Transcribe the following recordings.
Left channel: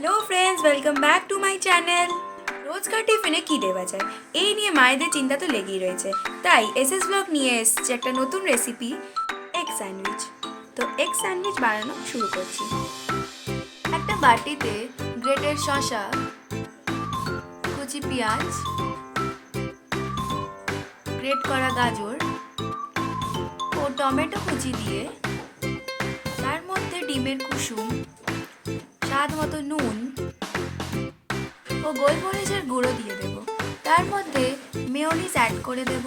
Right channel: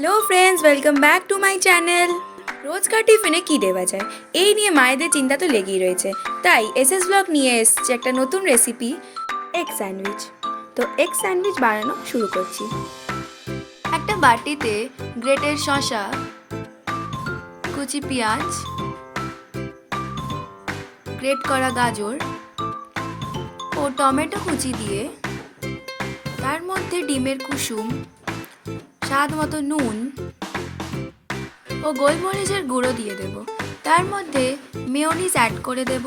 Hello friends, welcome back to my channel. রোজকার টিফিনে কী দেওয়া যায় এই নিয়ে মায়েদের চিন্তা তো লেগেই রয়েছে। তাই এসএস ব্লগ নিয়ে এসছে একটা নতুন রেসিপি, এগ স্যান্ডউইচ। তো এগ স্যান্ডউইচ বানানো শুরু করছি। একটা বাটিতে গ্রেটেড শসা, কুচি পেঁয়াজ, গ্রেট করা গাজর ও টমেটো কুচি দিয়ে তার মধ্যে ডিমের কুসুম, স্বাদ মতো নুন ও গোলমরিচের গুঁড়ো দিয়ে দেব। তার মধ্যে মেয়োনিজ অ্যাড করে দেব।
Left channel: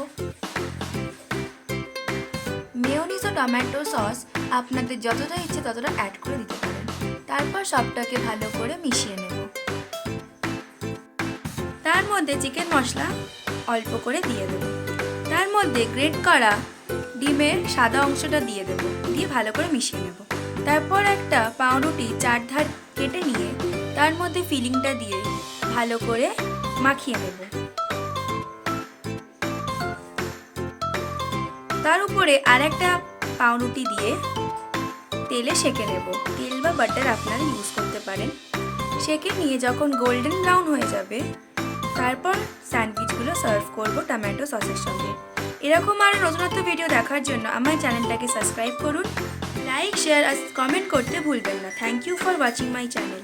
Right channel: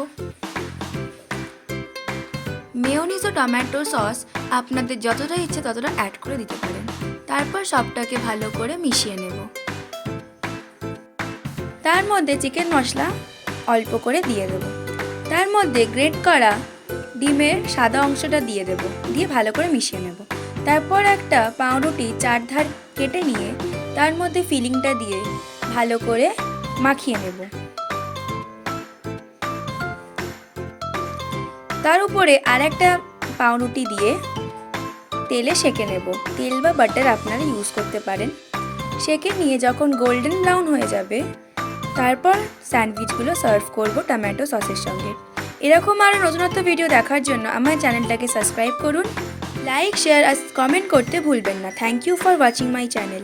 মেয়োনিজ ও টমেটো সস আপনাদের যতটা ইচ্ছে ততটা অ্যাড করে দিতে পারেন। তারপর সবটাকে ভালো করে মিশিয়ে নেব। তার মধ্যে চিকেন মশলা অল্প করে দিয়ে দেব। তার মধ্যে গ্রেট করা ডিমের সাদা অংশটা দিয়ে দেব, দিয়ে ভালো করে মিশিয়ে নেব। তারপর একটা পাউরুটি চারধার কেটে নিয়ে তার মধ্যে ফিলিংটা দিয়ে ভালো করে মাখিয়ে নেব। তার উপরে আর একটা পাউরুটি দিয়ে তেলে সেঁকে নেব। তেল বা বাটার আপনারা ইউজ করতে পারেন। সেঁকে নিয়ে যখন গোল্ডেন ব্রাউন হয়ে যাবে, তারপর স্যান্ডউইচগুলো সার্ভ করব টমেটো সসের সঙ্গে। এরকম আরও নতুনত্ব ভিডিও দেখার জন্য আমার চ্যানেলটাকে সাবস্ক্রাইব করুন, লাইক, শেয়ার আর কমেন্ট করতে ভুলবেন না। Thank you for watching my channel.